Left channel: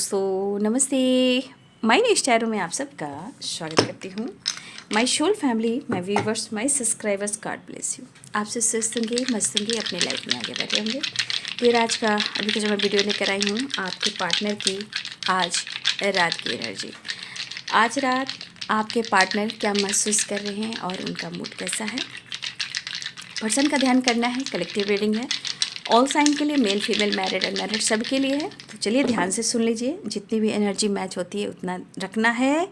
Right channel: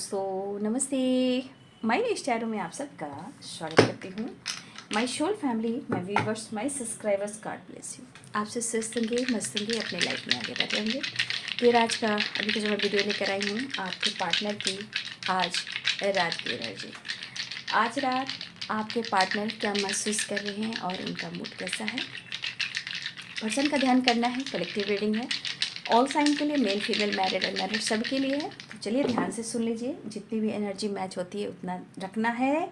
दोस्तों नमस्ते। My next arrow में आप सबका स्वागत करती हूँ। My soul family, my viewers, my subscribers, God bless you. आपसे स्वस्थ होंगे, मस्त होंगे, अपने लाइफ में आगे बढ़ रहेंगे। फिर आज का अभी का जो मैं वीडियो लेकर आई हूँ आपके पार्टनर की आज रात की एनर्जी। आज रात आपके पार्टनर क्या महसूस कर रहे हैं और उनका मूड कैसा है, पर्सन का ध्यान करना है। कलेक्टिव रीडिंग है, ऑल साइन के लिए, मेल फीमेल मैरिड अनमैरिड सब के लिए है। तो चलिए ध्यान से सुन लीजिए। जितनी भी एनर्जी मैच होती है उतना रखना है,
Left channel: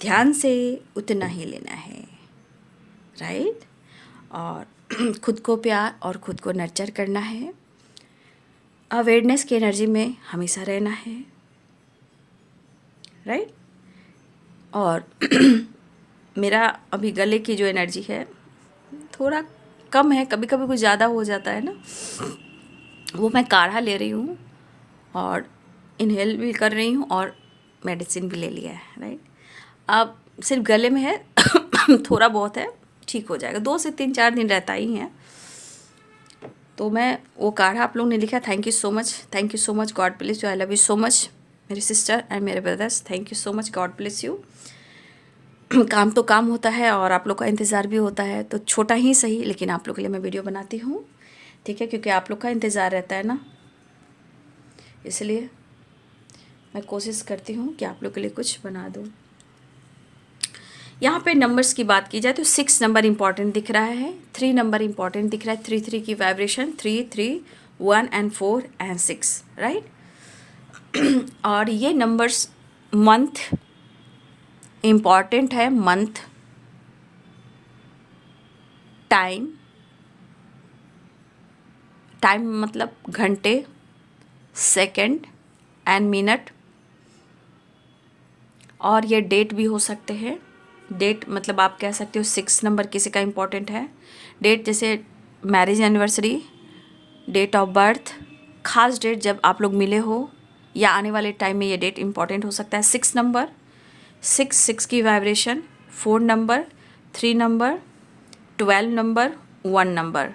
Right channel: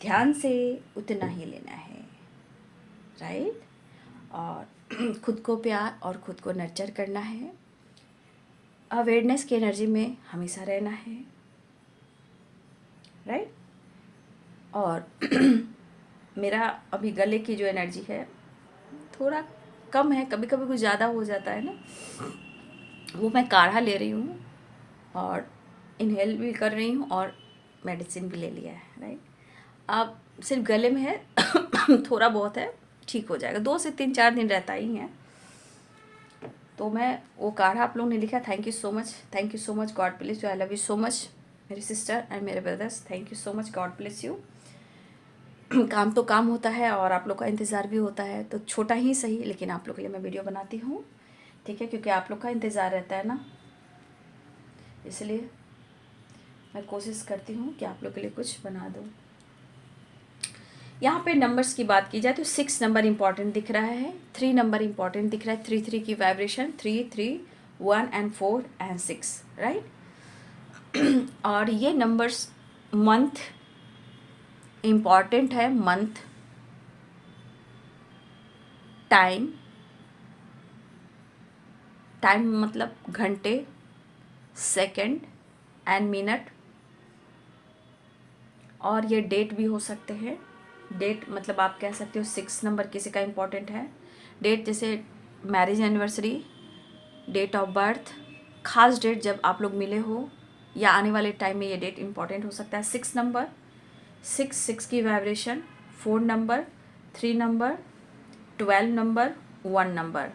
ध्यान से उतना ही लेना है, राइट। और खुद को प्यार और खुद को नर्चर करना है। अवेयरनेस की एनर्जी में हमेशा रहना है, राइट। और मेरा अभी गले की जो एनर्जी है थोड़ा कम है, कभी कभी कुछ ज़्यादा हो जाता है ना, वो मैं काढ़ा ले रही हूँ और इनहेल भी कर रही हूँ और मेडिसिन भी ले लिया है, राइट। अब सिर्फ गले में है थोड़ा बहुत है, ठीक हो जाएगा, 2 से 3-4 दिन रहता ही है। तो मैं वो काढ़ा आप लोगों ने लिखा, thank you so much, thank you so much, God bless you, I love you so much मेरे सिस्टर एंड मेरे brothers, thank you so much, God bless you. काम तो काम होता है और आप लोग का इंतज़ार भी होता है, तो छोटा ही सही लेकिन आप लोग के लिए मैं वीडियो बनाती हूँ, ठीक है, क्योंकि आप लोग का इंतज़ार रहता है ना, इसलिए मैं कोशिश करती हूँ कि आप लोग के लिए कुछ बना दूँ। यहाँ पे नंबर्स की बात की जाए तो 6 नंबर इम्पॉर्टेंट दिख रहा है, 3 नंबर इम्पॉर्टेंट दिख रहा है, 3 की वाइब्रेशन, 3, 1 एंड 4 एंड 6, राइट। और ये नंबर्स मंथ इम्पॉर्टेंट है, मंथ, टाइम, टाइम मतलब घंटे, सेकंड एंड मिनट, और ये डेट भी हो सकते हैं। डेट मतलब आप कह सकते हो 6 नंबर किसी का इम्पोर्टेंट है, डेट जैसे marriage anniversary, date of birth, खास डेट जब आप लोग मिले हो या आने वाले टाइम में ये डेट इम्पॉर्टेंट हो सकता है। 6 नंबर, 6 की vibration, 4 number, 3 number, 12 number, 1 number,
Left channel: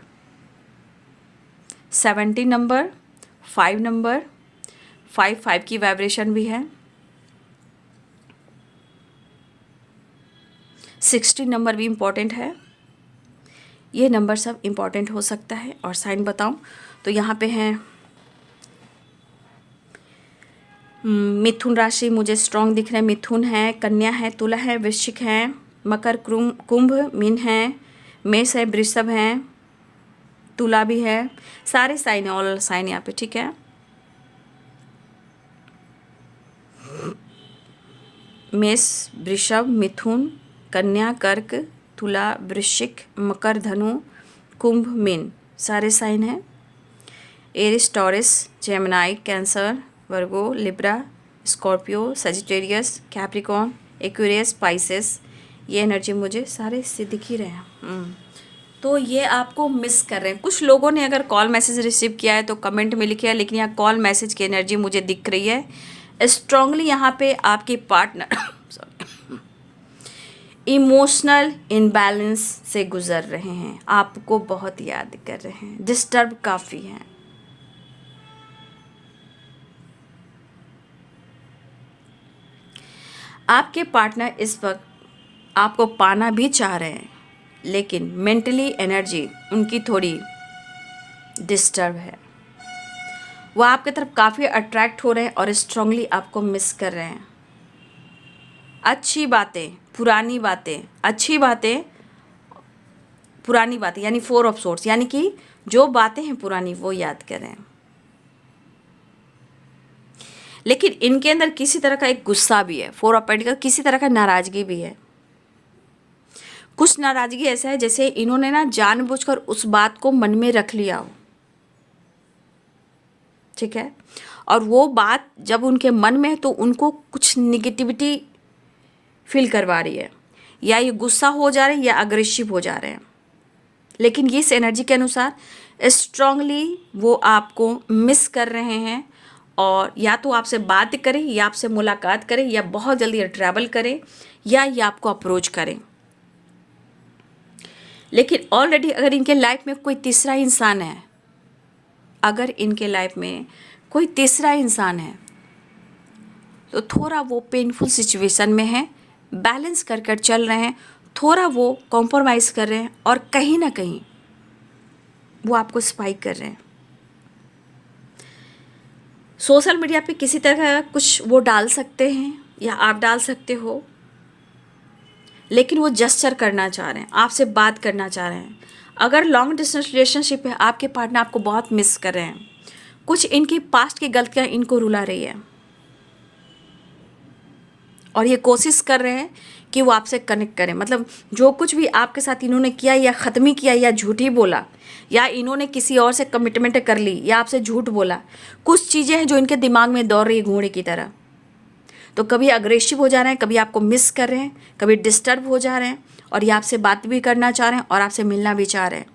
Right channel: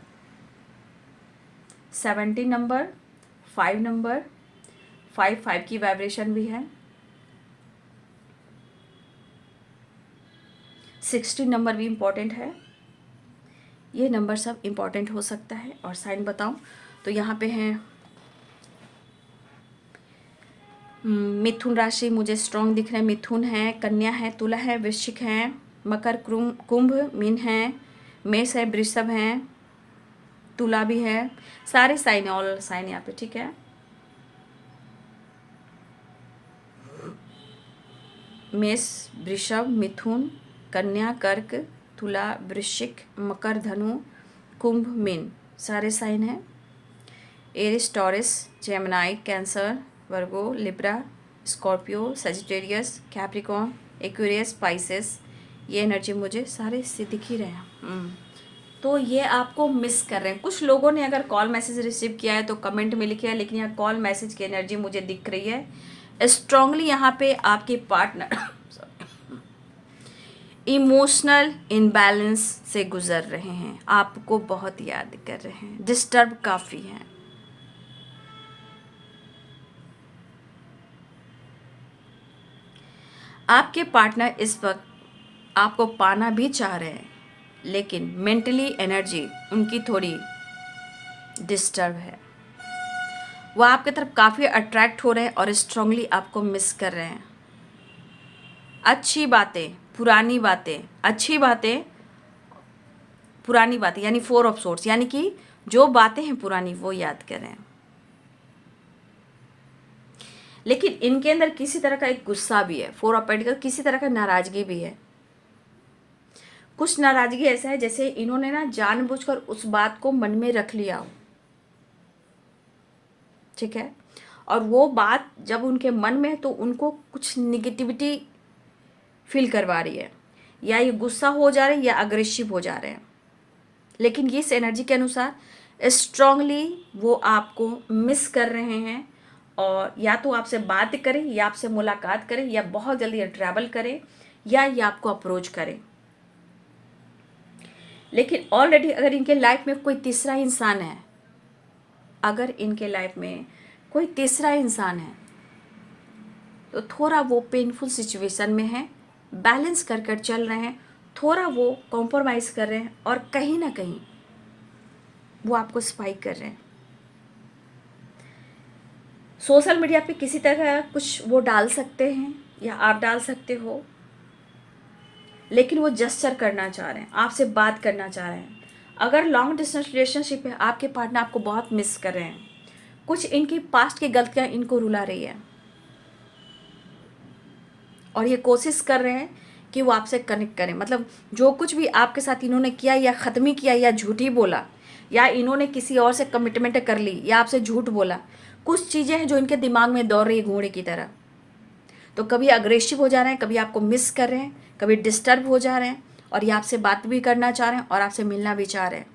70 number, 5 number, 5 की वाइब्रेशन भी है, 60 नंबर भी इम्पॉर्टेंट है। ये नंबर सब इम्पॉर्टेंट हो सकता है। और साइन बताऊं तो यहाँ पे हैं मिथुन राशि मुझे स्ट्रॉन्ग दिख रहा है, मिथुन है, कन्या है, तुला है, वृश्चिक है, मकर, कुंभ, मीन है, मेष है, वृषभ है, तुला भी है, सारे साइन है, ऑल साइन यहाँ पे, ठीक है। मेष, वृषभ, मिथुन, कन्या, कर्क, तुला, वृश्चिक, मकर, धनु, कुंभ, मीन, सारे साइन हैं। Aries, Taurus, Gemini, Cancer, Virgo, Libra, Scorpio, Sagittarius, Capricorn, Aquarius, Pisces, ये एनर्जी मुझे सारे से दिख ही रहे हैं। तो ये आपको मिस कर रहे हैं। कुछ लोगों ने अगर कॉल मैसेज रिसीव किया है तो कमेंट में लिखिए, लेकिन यहाँ कॉल मैसेज की एनर्जी मुझे दिख रही है स्ट्रांगली। यहाँ पे आपके पार्टनर इमोशनल इनबैलेंस से गुजर रहे हैं, आपको बहुत याद कर रहे हैं, डिस्टर्ब काफ़ी हैं। आपके पार्टनर इस वक्त आपको पाना भी चाह रहे हैं, लेकिन मेंटली एनर्जी उनकी थोड़ी डिस्टर्ब है। वो आपकी तरफ काफ़ी अट्रैक्ट हो रहे हैं और स्ट्रांगली आपको मिस कर रहे हैं। अच्छी बातें, पुरानी बातें, अच्छी बातें, पुरानी बातें, यानी 4 ऑफ सोर्ट्स, यानी कि जो बातें हैं पुरानी वो याद कर रहे हैं। लेकिन इनके अंदर किसी तरह का एक गुस्सा भी है, 4 ऑफ पेंटिकल, किसी तरह का नाराज़गी भी है। कुछ नाराज़गी ऐसा है जैसे इन्होंने ना जानबूझकर उस बात को मन में रख लिया हो, ठीक है, और वो बात जब उनके मन में है तो उनको कुछ निगेटिविटी फील करवा रही है, या ये गुस्सा हो जा रहे हैं या अग्रेसिव हो जा रहे हैं। लेकिन इस एनर्जी के अनुसार स्ट्रांगली वो आपको मिस कर रहे हैं, और या तो आपसे बात करें या आपसे मुलाकात करें या बहुत जल्दी ट्रैवल करें या ये आपको अप्रोच करें। लेकिन ऑलरेडी अगर इनके लाइफ में कोई तीसरा इंसान है, अगर इनके लाइफ में कोई तीसरा इंसान है तो थोड़ा वो पेनफुल सिचुएशन में है, बैलेंस कर कर चल रहे हैं, थोड़ा वो कॉम्प्रोमाइज़ कर रहे हैं और कहीं ना कहीं वो आपको स्पाइक कर रहे हैं। सोशल मीडिया पे किसी तरह का कुछ वो डाल सकते हैं या आप डाल सकते हो, लेकिन वो जस्चर करना चाह रहे हैं, आपसे बात करना चाह रहे हैं। अगर लॉन्ग डिस्टेंस रिलेशनशिप है, आपके पार्टनर आपको बहुत मिस कर रहे हैं, कुछ इनकी पास्ट की गलतियां इनको रुला रही है और ये कोशिश कर रहे हैं कि वो आपसे कनेक्ट करें। मतलब जो कुछ भी आपके साथ इन्होंने किया या ख़त्म किया या झूठी बोला या इन्होंने किसी और से कमिटमेंट कर ली या आपसे झूठ बोला, कुछ चीज़ें हैं जो इनके दिमाग में दौड़ रही है घोड़े की तरह। तो कभी अग्रेसिव हो जा रहे हैं, कभी आपको मिस कर रहे हैं, कभी डिस्टर्ब हो जा रहे हैं और ये आपसे बात भी करना चाह रहे हैं और आपसे मिलना भी चाह रहे हैं।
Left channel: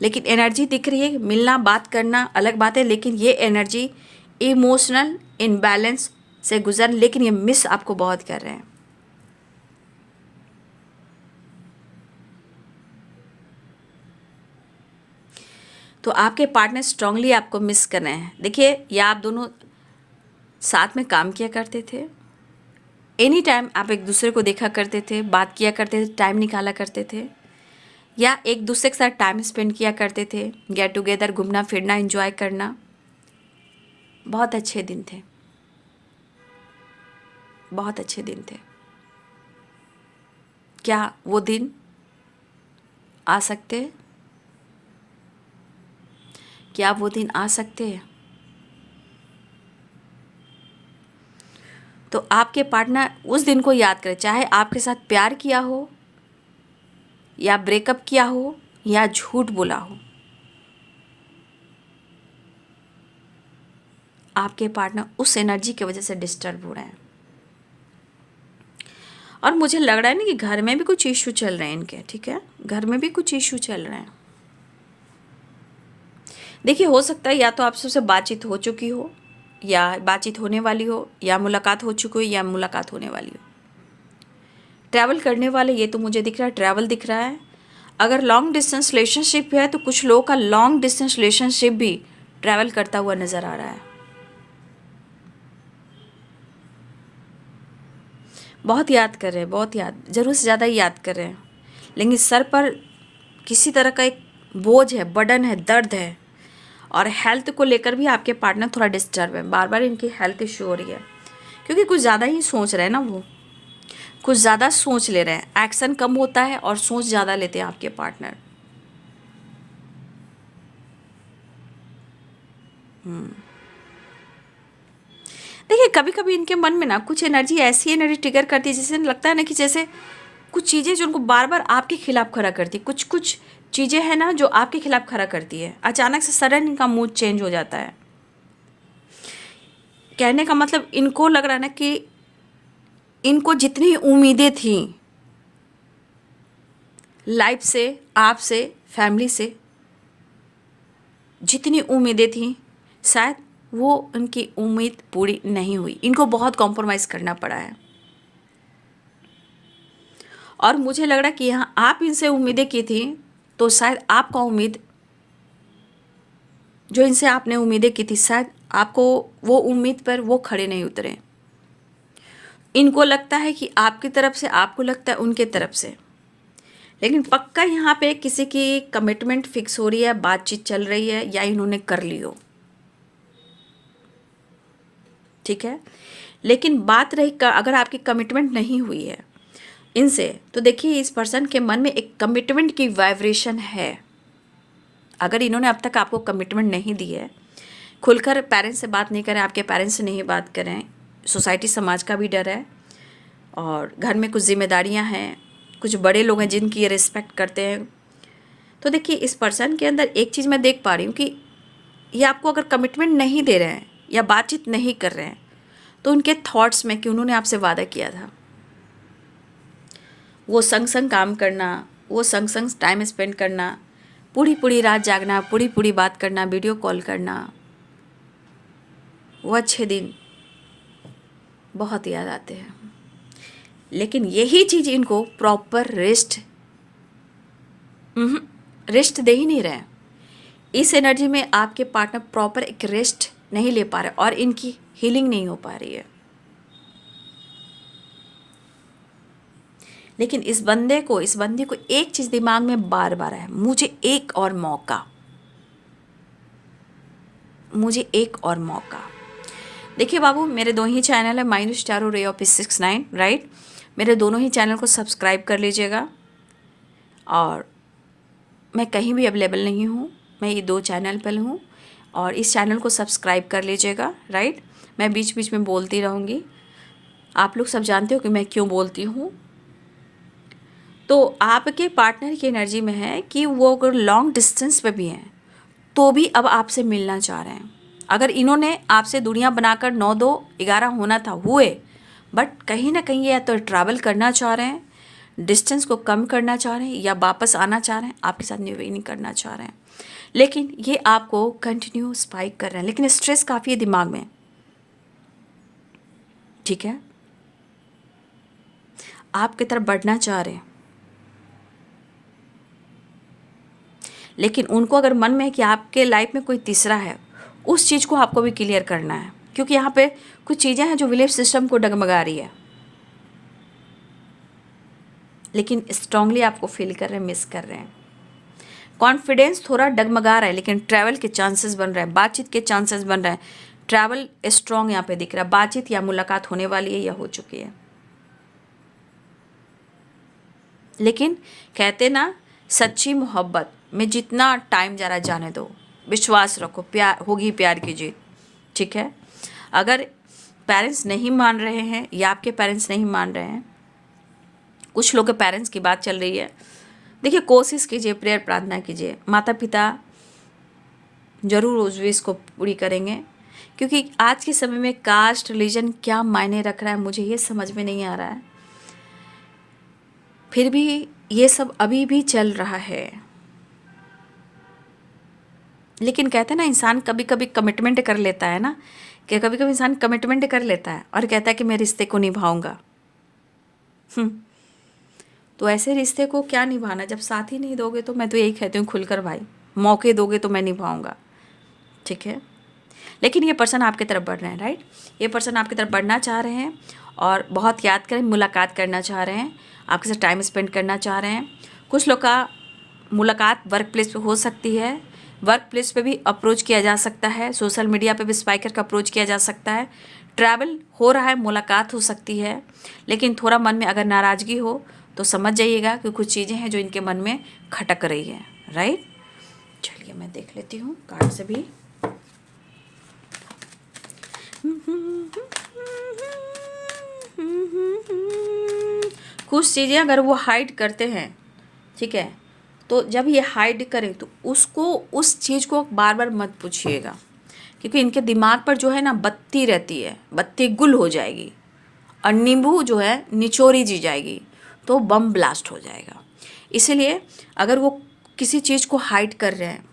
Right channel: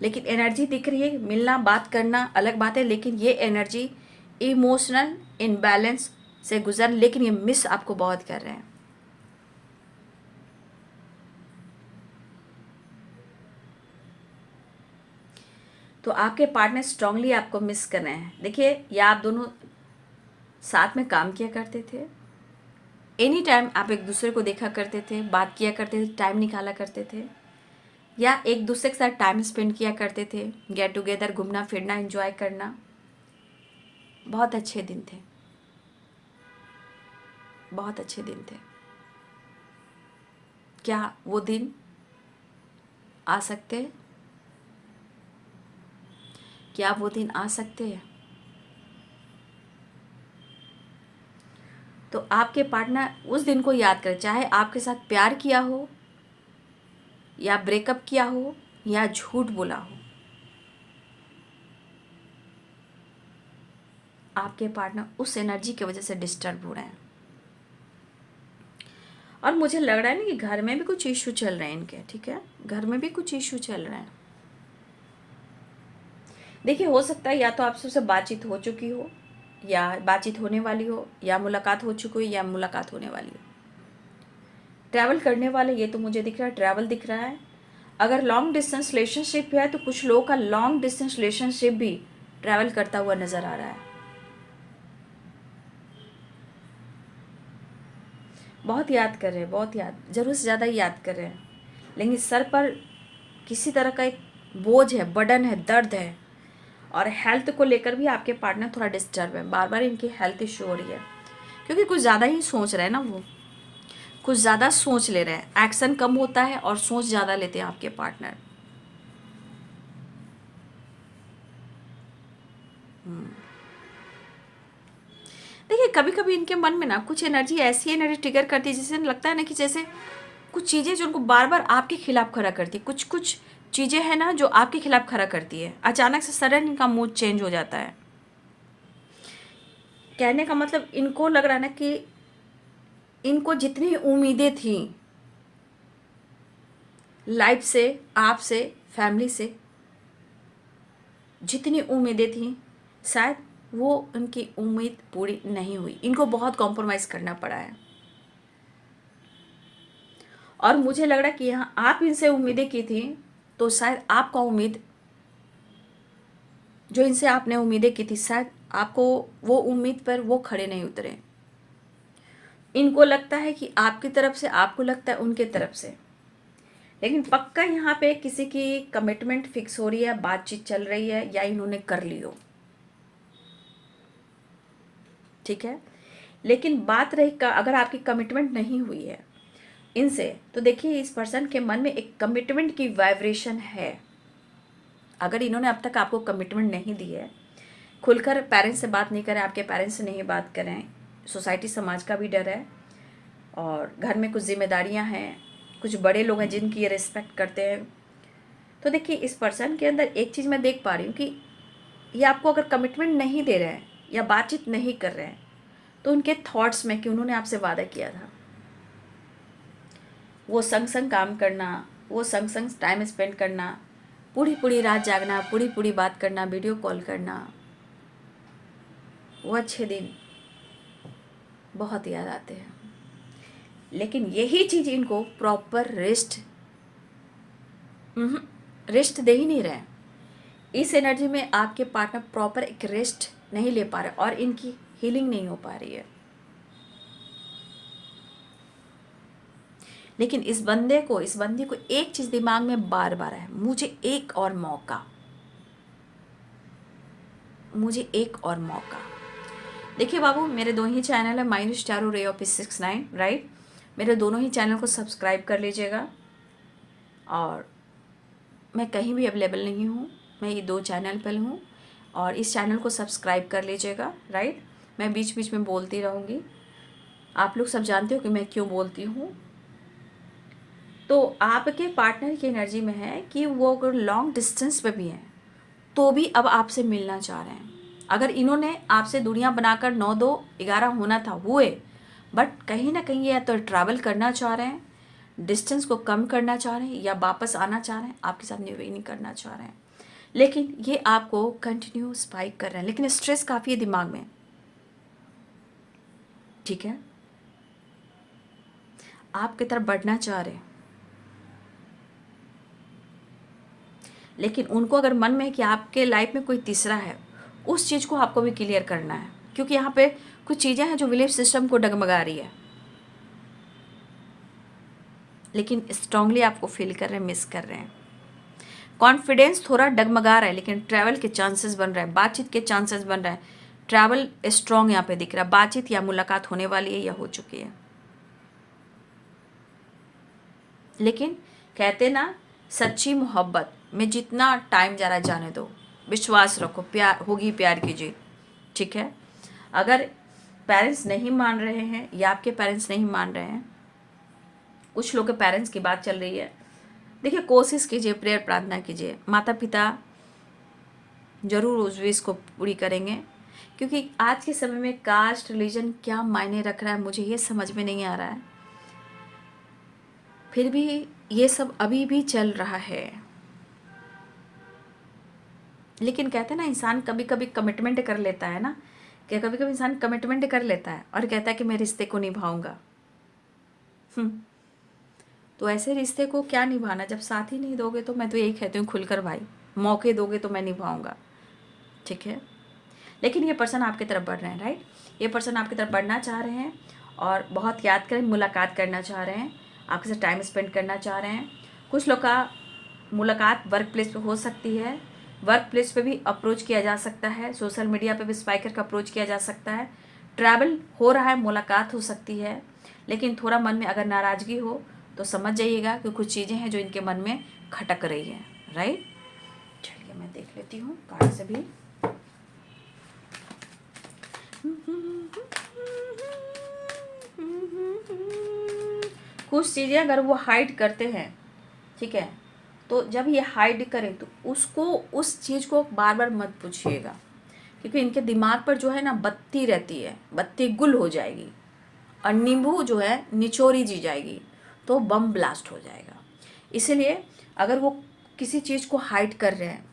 लेकिन एनर्जी दिख रही है, मिलना बात करना अलग बात है, लेकिन ये एनर्जी इमोशनल इनबैलेंस से गुजर, लेकिन ये मिस आपको बहुत कर रहे हैं। तो आपके पार्टनर स्ट्रांगली आपको मिस कर रहे हैं। देखिए, या आप दोनों साथ में काम किया करते थे, एनी टाइम आप एक दूसरे को देखा करते थे, बात किया करते थे, टाइम निकाला करते थे, या एक दूसरे के साथ टाइम स्पेंड किया करते थे, गेट टुगेदर, घूमना फिरना, एंजॉय करना। बहुत अच्छे दिन थे, बहुत अच्छे दिन थे। क्या वो दिन आ सकते हैं? क्या वो दिन आ सकते हैं? तो आपके पार्टनर उस दिन को याद करें, चाहे आपके साथ प्यार किया हो या ब्रेकअप किया हो या झूठ बोला हो, आपके पार्टनर उस एनर्जी की वजह से डिस्टर्ब हो रहे हैं। और मुझे लग रहा है ना कि घर में भी कुछ इशू चल रहे हैं इनके, ठीक है, घर में भी कुछ इशू चल रहे हैं। देखिए, हो सकता है या तो आप सबसे बातचीत हो चुकी हो या बातचीत होने वाली हो, या मुलाकात हो चुकी हो या मुलाकात होने वाली हो। ट्रैवल करने वाले, ये तो मुझे दिख रहा है, ट्रैवल दिख रहा है। अगर लॉन्ग डिस्टेंस रिलेशनशिप है तो कुछ लोगों का लॉन्ग डिस्टेंस रिलेशनशिप भी ट्रैवल करता हुआ नज़र आ रहा है। बहुत याद कर रहे हैं, बहुत याद, ज़रूर से ज़्यादा ही याद कर रहे हैं, लेकिन सर पर किसी तरह का एक बोझ है, बर्डन है, दर्द है। और हेल्थ को लेकर भी आपके पार्टनर थोड़ा डिस्टर्ब है, बार बार इनकी हेल्थ इशू हो रही है, क्योंकि कुछ ज़्यादा ही सोच रहे हैं ना, वो कुछ ज़्यादा सोच ले रहे हैं। एक्शन कम होता है और सोच ज़्यादा लेते हैं आपके पार्टनर। देखिए, कभी कभी इनके मन में ना कुछ एनर्जी, ऐसी एनर्जी ट्रिगर करती है जिससे लगता है ना कि जैसे कुछ चीज़ें जो उनको बार बार आपके खिलाफ खड़ा करती है, कुछ कुछ चीज़ें हैं ना जो आपके खिलाफ खड़ा करती है। अचानक से सडन इनका मूड चेंज हो जाता है। कहने का मतलब इनको लग रहा है ना कि इनको जितनी उम्मीदें थी लाइफ से, आपसे, फैमिली से, जितनी उम्मीदें थी, शायद वो उनकी उम्मीद पूरी नहीं हुई। इनको बहुत कॉम्प्रोमाइज़ करना पड़ा है। और मुझे लग रहा है कि यहाँ आप इनसे उम्मीदें की थी, तो शायद आपका उम्मीद, जो इनसे आपने उम्मीदें की थी, शायद आपको वो उम्मीद पर वो खड़े नहीं उतरे। इनको लगता है कि आपकी तरफ से, आपको लगता है उनके तरफ से, लेकिन पक्का यहाँ पे किसी की कमिटमेंट फिक्स हो रही है, बातचीत चल रही है, या इन्होंने कर ली हो, ठीक है। लेकिन बात रही अगर आपकी कमिटमेंट नहीं हुई है इनसे, तो देखिए इस पर्सन के मन में एक कमिटमेंट की वाइब्रेशन है। अगर इन्होंने अब तक आपको कमिटमेंट नहीं दी है, खुलकर पेरेंट्स से बात नहीं करें, आपके पेरेंट्स से नहीं बात करें, सोसाइटी समाज का भी डर है, और घर में कुछ जिम्मेदारियां हैं, कुछ बड़े लोग हैं जिनकी ये रिस्पेक्ट करते हैं, तो देखिए इस पर्सन के अंदर एक चीज़ मैं देख पा रही हूँ कि ये आपको अगर कमिटमेंट नहीं दे रहे हैं या बातचीत नहीं कर रहे हैं, तो उनके थॉट्स में कि उन्होंने आपसे वादा किया था, वो संग संग काम करना, वो संग संग टाइम स्पेंड करना, पूरी पूरी रात जागना, पूरी पूरी बात करना, वीडियो कॉल करना, वो अच्छे दिन बहुत याद आते हैं। लेकिन यही चीज़ इनको प्रॉपर रेस्ट दे ही नहीं रहे हैं। इस एनर्जी में आपके पार्टनर प्रॉपर एक रेस्ट नहीं ले पा रहे और इनकी हीलिंग नहीं हो पा रही है। लेकिन इस बंदी को एक चीज़ दिमाग में बार बार है, मुझे एक और मौका, मुझे एक और मौका। देखिए बाबू, मेरे दो ही चैनल है, माइनस टारो रे ऑफ 69, राइट। मेरे दोनों ही चैनल को सब्सक्राइब कर लीजिएगा। और मैं कहीं भी अवेलेबल नहीं हूँ, मैं ये दो चैनल पर हूँ और इस चैनल को सब्सक्राइब कर लीजिएगा, राइट। मैं बीच बीच में बोलती रहूँगी, आप लोग सब जानते हो कि मैं क्यों बोलती हूँ। तो आपके पार्टनर की एनर्जी में है कि वो अगर लॉन्ग डिस्टेंस पे भी हैं तो भी अब आपसे मिलना चाह रहे हैं। अगर इन्होंने आपसे दूरियां बनाकर 9-2-11 होना था, हुए, बट कहीं ना कहीं या तो ट्रैवल करना चाह रहे हैं, डिस्टेंस को कम करना चाह रहे हैं, या वापस आना चाह रहे हैं, आपके साथ नहीं करना चाह रहे हैं। लेकिन ये आपको कंटिन्यू स्पाइक कर रहे हैं, लेकिन स्ट्रेस काफ़ी है दिमाग में, ठीक है। आपकी तरफ बढ़ना चाह रहे हैं, लेकिन उनको अगर मन में है कि आपके लाइफ में कोई तीसरा है, उस चीज़ को आपको भी क्लियर करना है, क्योंकि यहाँ पे कुछ चीज़ें हैं जो बिलीफ सिस्टम को डगमगा रही है। लेकिन स्ट्रांगली आपको फील कर रहे हैं, मिस कर रहे हैं। कॉन्फिडेंस थोड़ा डगमगा रहा है, लेकिन ट्रैवल के चांसेस बन रहे हैं, बातचीत के चांसेस बन रहे हैं। ट्रैवल स्ट्रांग यहाँ पे दिख रहा है, बातचीत या मुलाकात होने वाली है या हो चुकी है। लेकिन कहते ना, सच्ची मोहब्बत में जितना टाइम जा रहा है जाने दो, विश्वास रखो, प्यार होगी, प्यार की जीत, ठीक है। अगर पेरेंट्स नहीं मान रहे हैं या आपके पेरेंट्स नहीं मान रहे हैं, कुछ लोग के पेरेंट्स की बात चल रही है, देखिए कोशिश कीजिए, प्रेयर प्रार्थना कीजिए, माता पिता जरूर उस विश को पूरी करेंगे। क्योंकि आज के समय में कास्ट रिलीजन क्या मायने रख रहा है मुझे ये समझ में नहीं आ रहा है, फिर भी ये सब अभी भी चल रहा है। लेकिन कहते हैं ना, इंसान कभी कभी कमिटमेंट कर लेता है ना, कि कभी कभी इंसान कमिटमेंट कर लेता है और कहता है कि मैं रिश्ते को निभाऊंगा। तो ऐसे रिश्ते को क्या निभाना, जब साथ ही नहीं दोगे तो मैं तो यही कहती हूँ खुलकर, भाई मौके दोगे तो मैं निभाऊंगा, ठीक है। लेकिन ये पर्सन आपकी तरफ बढ़ रहे हैं, राइट। ये पर्सन आपकी तरफ बढ़ना चाह रहे हैं और बहुत याद करें, मुलाकात करना चाह रहे हैं, आपके साथ टाइम स्पेंड करना चाह रहे हैं। कुछ लोग का मुलाकात वर्क प्लेस पे हो सकती है, वर्क प्लेस पे भी अप्रोच किया जा सकता है, सोशल मीडिया पे भी स्पाइकर का अप्रोच किया जा सकता है, ट्रैवल हो रहा है, मुलाकात हो सकती है। लेकिन थोड़ा मन में अगर नाराज़गी हो तो समझ जाइएगा कि कुछ चीज़ें हैं जो इनके मन में खटक रही है, राइट। चलिए मैं देख लेती हूँ कार्ड से भी। कुछ चीज़ें अगर वो हाइड करते हैं, ठीक है, तो जब ये हाइड करें तो उसको, उस चीज़ को बार बार मत पूछिएगा, क्योंकि इनके दिमाग पर जो है ना बत्ती रहती है, बत्ती गुल हो जाएगी और नींबू जो है निचोरी जी जाएगी तो बम ब्लास्ट हो जाएगा। इसीलिए अगर वो किसी चीज़ को हाइड कर रहे हैं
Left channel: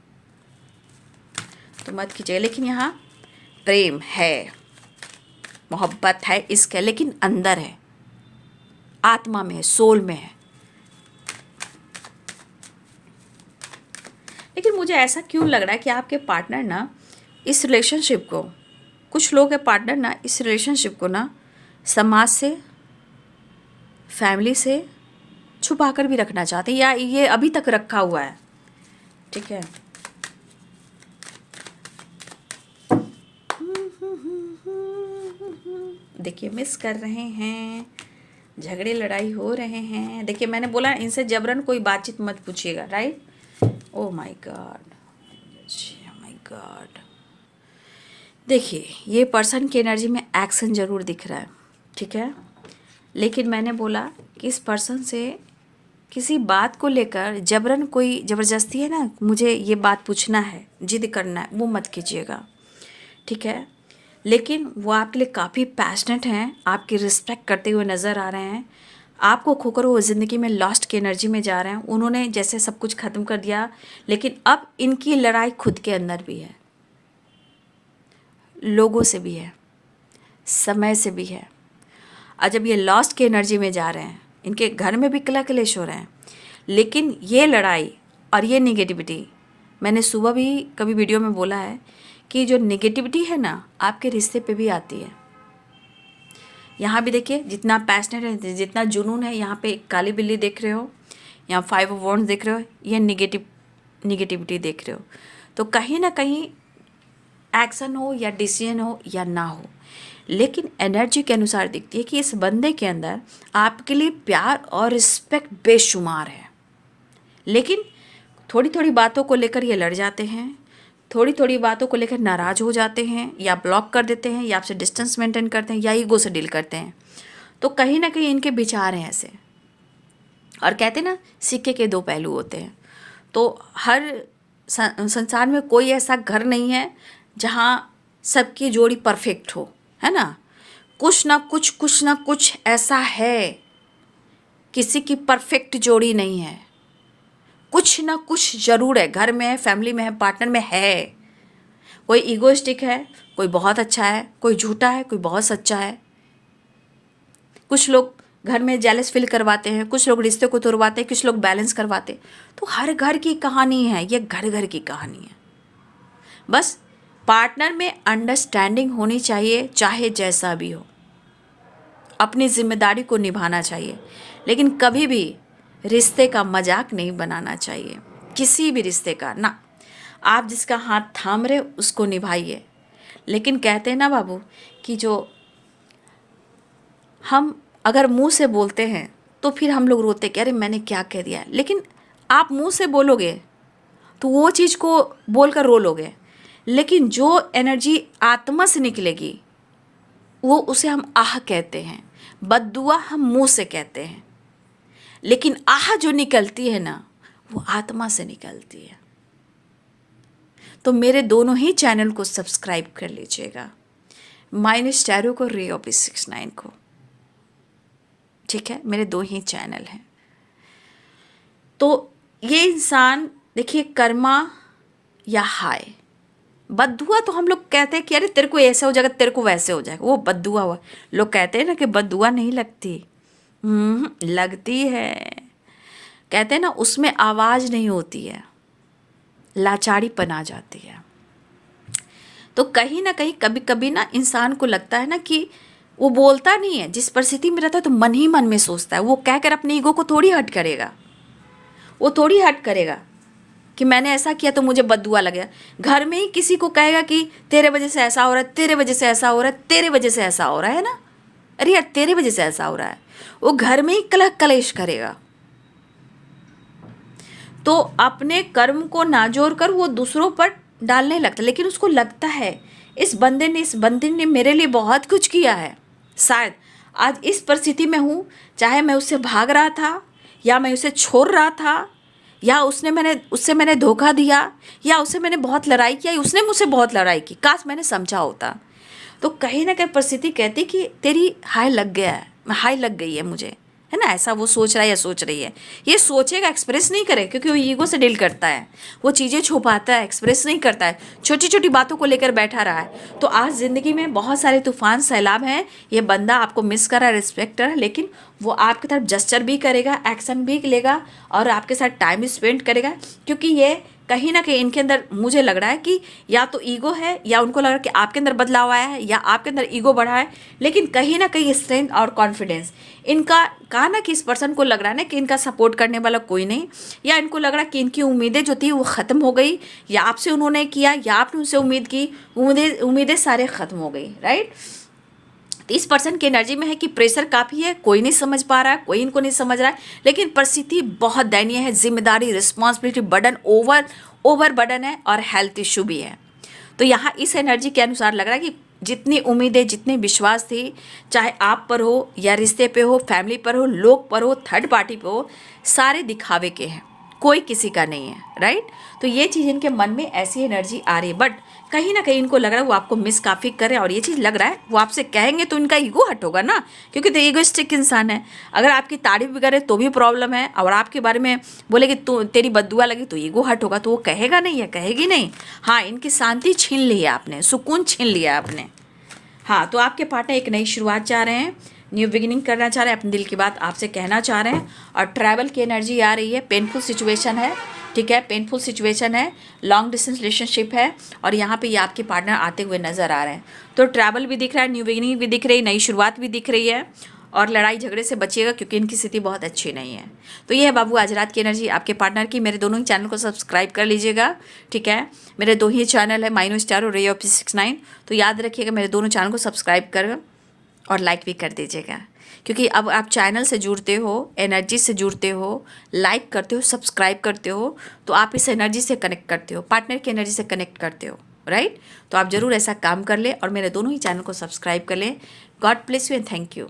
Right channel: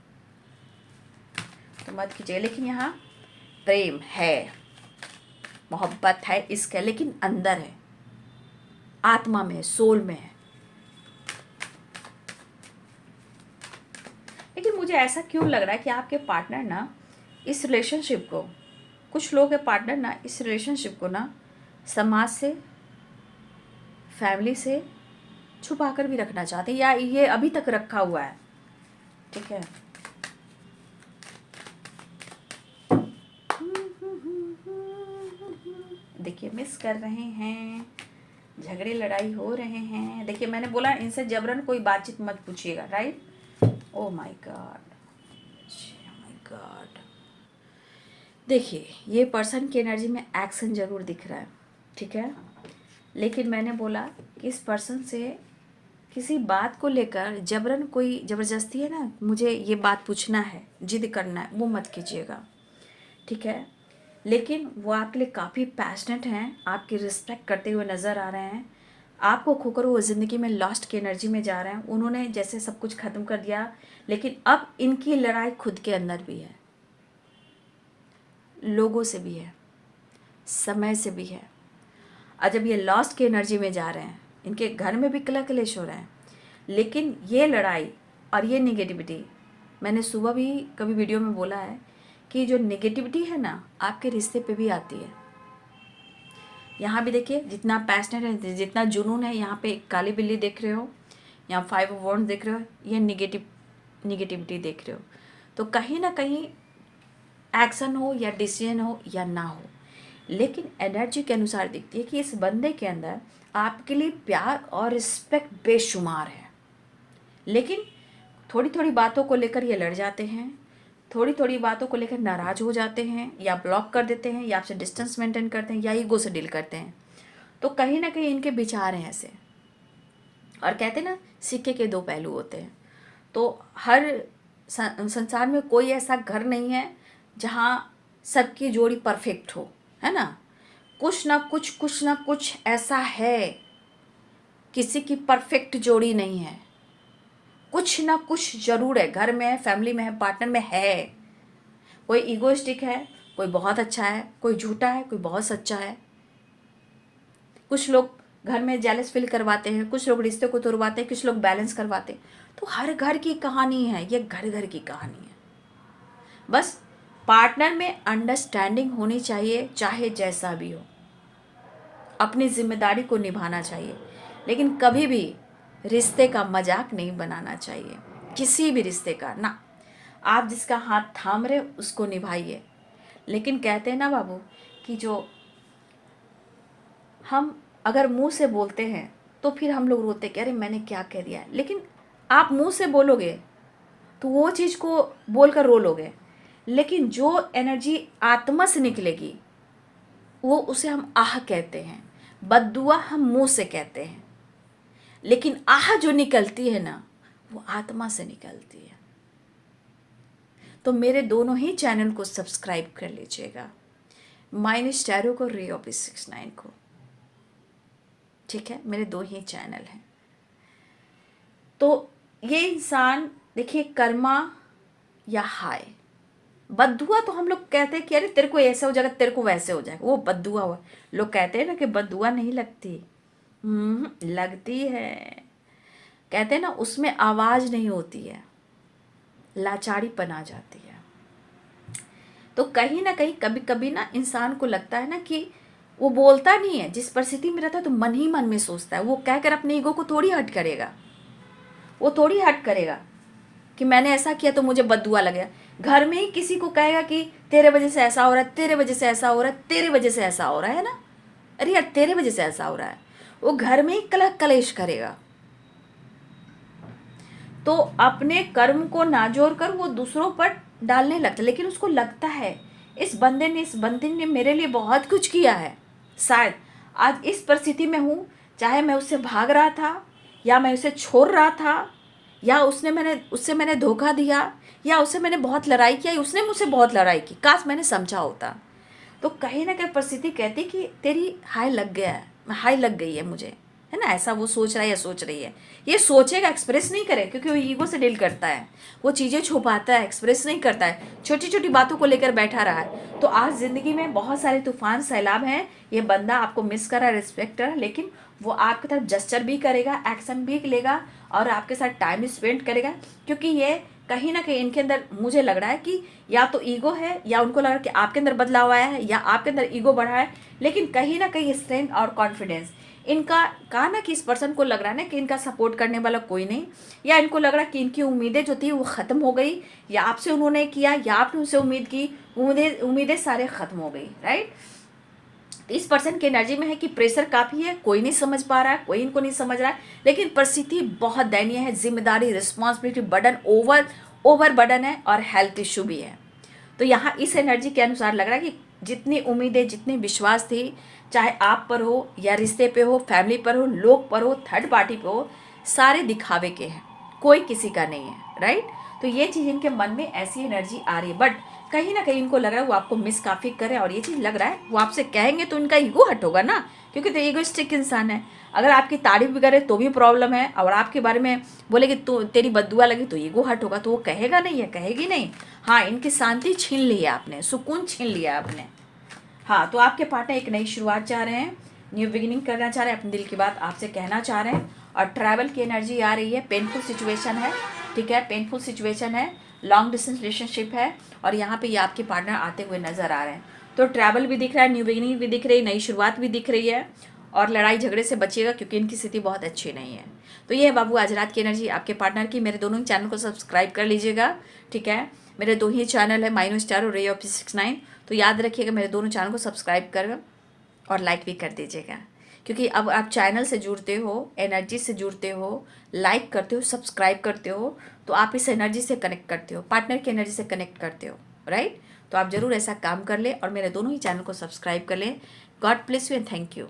तो मत कीजिए। लेकिन यहाँ प्रेम है, मोहब्बत है, इश्क है, लेकिन अंदर है, आत्मा में है, सोल में है। लेकिन मुझे ऐसा क्यों लग रहा है कि आपके पार्टनर ना इस रिलेशनशिप को, कुछ लोग के पार्टनर ना इस रिलेशनशिप को ना समाज से, फैमिली से छुपा कर भी रखना चाहते हैं, या ये अभी तक रखा हुआ है, ठीक है। देखिए मिस कर रहे हैं, झगड़े लड़ाई हो रहे हैं। देखिए मैंने बोला इनसे जबरन कोई बातचीत मत पूछिएगा, right. Oh my God, my God. देखिए ये पर्सन की एनर्जी में एक्शन जरूर दिख रहा है, ठीक है। लेकिन मैंने बोला कि इस पर्सन से किसी बात को लेकर जबरन कोई ज़बरदस्ती है ना, मुझे ये बात पूछना है, जिद करना है, वो मत कीजिएगा, ठीक है। लेकिन वो आपके लिए काफ़ी पैशनेट हैं, आपकी रिस्पेक्ट करते हुए नज़र आ रहे हैं। आपको खोकर वो ज़िंदगी में लॉस्ट की एनर्जी में जा रहे हैं। उन्होंने जैसे सब कुछ ख़त्म कर दिया, लेकिन अब इनकी लड़ाई खुद के अंदर भी है, लोगों से भी है, समय से भी है। और जब ये लॉस्ट की एनर्जी में जा रहे हैं, इनके घर में भी कला कलेश हो रहे हैं, लेकिन ये लड़ाई और ये निगेटिविटी, मैंने सुबह भी कभी वीडियो में बोला है कि जो नेगेटिविटी है ना आपके रिश्ते पे भी आती है। यहाँ भी देखिए जितना पैशनेट है, जितना जुनून है, यहाँ पे काली बिल्ली देख रहे हो, यहाँ 5 ऑफ वॉन्ड्स देख रहे हो, ये निगेटिविटी देख रहे हो। तो कहीं ना कहीं एक्शन हो या डिसीजन हो या ना हो, लेकिन एनर्जी के अनुसार दिखती है कि इस बंदे के अंदर आपके लिए प्यार और रिस्पेक्ट बेशुमार है। लेकिन थोड़ी थोड़ी बातों को लेकर ये लड़ जाते हैं, थोड़ी थोड़ी बातों को लेकर नाराज़ हो जाते हैं, या ब्लॉक कर देते हैं, या आपसे डिस्टेंस मेंटेन करते हैं, या ईगो से डील करते हैं। तो कहीं ना कहीं इनके विचार हैं ऐसे। और कहते हैं ना सिक्के के दो पहलू होते हैं। तो हर संसार में कोई ऐसा घर नहीं है जहाँ सबकी जोड़ी परफेक्ट हो, है ना। कुछ ना कुछ ऐसा है, किसी की परफेक्ट जोड़ी नहीं है। कुछ ना कुछ जरूर है, घर में है, फैमिली में है, पार्टनर में है। कोई ईगोइस्टिक है, कोई बहुत अच्छा है, कोई झूठा है, कोई बहुत सच्चा है। कुछ लोग घर में जेलस फील करवाते हैं, कुछ लोग रिश्ते को तोड़वाते हैं, कुछ लोग बैलेंस करवाते हैं। तो हर घर की कहानी है, ये घर घर की कहानी है। बस पार्टनर में अंडरस्टैंडिंग होनी चाहिए, चाहे जैसा भी हो। अपनी जिम्मेदारी को निभाना चाहिए, लेकिन कभी भी रिश्ते का मजाक नहीं बनाना चाहिए, किसी भी रिश्ते का ना। आप जिसका हाथ थाम रहे उसको निभाइए। लेकिन कहते हैं ना बाबू कि जो हम अगर मुंह से बोलते हैं तो फिर हम लोग रोते कि अरे मैंने क्या कह दिया। लेकिन आप मुंह से बोलोगे तो वो चीज़ को बोलकर रो लोगे, लेकिन जो एनर्जी आत्मा से निकलेगी वो उसे हम आह कहते हैं। बद्दुआ हम मुंह से कहते हैं, लेकिन आह जो निकलती है ना वो आत्मा से निकलती है। तो मेरे दोनों ही चैनल को सब्सक्राइब कर लीजिएगा, माइनस टैरो को, रे ऑफ 69 को। ठीक है, मेरे 2 ही चैनल हैं। तो ये इंसान देखिए, कर्मा या हाय, बद्दुआ तो हम लोग कहते हैं कि अरे तेरे को ऐसा हो जाएगा, तेरे को वैसे हो जाएगा, वो बद्दुआ हुआ। लोग कहते हैं ना कि बद्दुआ नहीं लगती, लगती है। कहते हैं ना उसमें आवाज़ नहीं होती है, लाचारीपन आ जाती है। तो कहीं ना कहीं कभी कभी ना इंसान को लगता है ना कि वो बोलता नहीं है, जिस परिस्थिति में रहता है तो मन ही मन में सोचता है। वो कहकर अपने ईगो को थोड़ी हट करेगा, वो थोड़ी हट करेगा कि मैंने ऐसा किया तो मुझे बद्दुआ लगेगा। घर में ही किसी को कहेगा कि तेरे वजह से ऐसा हो रहा है, तेरे वजह से ऐसा हो रहा है, तेरे वजह से ऐसा हो रहा है ना, अरे यार तेरे वजह से ऐसा हो रहा है। वो घर में ही कलह कलेश करेगा। तो अपने कर्म को नाजोर कर वो दूसरों पर डालने लगता है। लेकिन उसको लगता है इस बंदे ने मेरे लिए बहुत कुछ किया है, शायद आज इस परिस्थिति में हूँ। चाहे मैं उससे भाग रहा था, या मैं उसे छोड़ रहा था, या उससे मैंने धोखा दिया, या उससे मैंने बहुत लड़ाई किया, उसने मुझसे बहुत लड़ाई की, काश मैंने समझा होता। तो कहीं ना कहीं परिस्थिति कहती कि तेरी हाय लग गया है, हाय लग गई है मुझे, है ना। ऐसा वो सोच रहा है या सोच रही है। ये सोचेगा, एक्सप्रेस नहीं करे, क्योंकि वो ईगो से डील करता है, वो चीज़ें छुपाता है, एक्सप्रेस नहीं करता है, छोटी छोटी बातों को लेकर बैठा रहा है। तो आज ज़िंदगी में बहुत सारे तूफान सैलाब हैं। ये बंदा आपको मिस कर रहा है, रिस्पेक्ट कर रहा है, लेकिन वो आपकी तरफ जस्चर भी करेगा, एक्शन भी लेगा, और आपके साथ टाइम स्पेंड करेगा। क्योंकि ये कहीं ना कहीं इनके अंदर मुझे लग रहा है कि या तो ईगो है, या उनको लग रहा है कि आपके अंदर बदलाव आया है, या आपके अंदर ईगो बढ़ा है। लेकिन कहीं ना कहीं स्ट्रेंथ और कॉन्फिडेंस इनका, कहा ना कि इस पर्सन को लग रहा है ना कि इनका सपोर्ट करने वाला कोई नहीं, या इनको लग रहा है कि इनकी उम्मीदें जो थी वो ख़त्म हो गई, या आपसे उन्होंने किया, या आपने उनसे उम्मीद की, उम्मीदें सारे ख़त्म हो गई, राइट। तो इस पर्सन की एनर्जी में है कि प्रेशर काफ़ी है, कोई नहीं समझ पा रहा है, कोई इनको नहीं समझ रहा है, लेकिन परिस्थिति बहुत दयनीय है। जिम्मेदारी, रिस्पॉन्सिबिलिटी, बर्डन, ओवर बर्डन है, और हेल्थ इशू भी है। तो यहाँ इस एनर्जी के अनुसार लग रहा है कि जितनी उम्मीदें, जितने विश्वास थी, चाहे आप पर हो, या रिश्ते पे हो, फैमिली पर हो, लोग पर हो, थर्ड पार्टी पे हो, सारे दिखावे के हैं, कोई किसी का नहीं है, राइट। तो ये चीज़ इनके मन में ऐसी एनर्जी आ रही है, बट कहीं ना कहीं इनको लग रहा है वो आपको मिस काफ़ी कर रहे हैं। और ये चीज़ लग रहा है वो आपसे कहेंगे तो इनका ईगो हट होगा ना, क्योंकि तो ईगोइस्टिक इंसान है। अगर आपकी तारीफ भी करे तो भी प्रॉब्लम है, और आपके बारे में बोले कि तो तेरी बद्दुआ लगी तो ईगो हट होगा, तो वो कहेगा नहीं है, कहेगी नहीं। हाँ, इनकी शांति छीन ली है आपने, सुकून छीन लिया आपने। हाँ, तो आपके पार्टनर एक नई शुरुआत चाह रहे हैं, न्यू बिगिनिंग करना चाह रहे हैं, अपने दिल की बात आपसे कहना चाह रहे हैं। और ट्रैवल की एनर्जी आ रही है, पेनफुल सिचुएशन है, ठीक है, पेनफुल सिचुएशन है, लॉन्ग डिस्टेंस रिलेशनशिप है, और यहाँ पे ये आपके पार्टनर आते हुए नज़र आ रहे हैं। तो ट्रैवल भी दिख रहा है, न्यू बिगिनिंग भी दिख रही है, नई शुरुआत भी दिख रही है, और लड़ाई झगड़े से बचिएगा क्योंकि इनकी स्थिति बहुत अच्छी नहीं है। तो ये है बाबू आज रात की एनर्जी आपके पार्टनर की। मेरे दोनों ही चैनल को सब्सक्राइब कर लीजिएगा, ठीक है। मेरे दो ही चैनल है, माइनो स्टार और रे ऑफ 69। तो याद रखिएगा मेरे दोनों चैनल को सब्सक्राइब कर और लाइक भी कर दीजिएगा, क्योंकि अब आप चैनल से जुड़ते हो, एनर्जी से जुड़ते हो, लाइक करते हो, सब्सक्राइब करते हो, तो आप इस एनर्जी से कनेक्ट करते हो, पार्टनर की एनर्जी से कनेक्ट करते हो, राइट। तो आप ज़रूर ऐसा काम कर ले और मेरे दोनों ही चैनल को सब्सक्राइब कर लें। God bless you and thank you.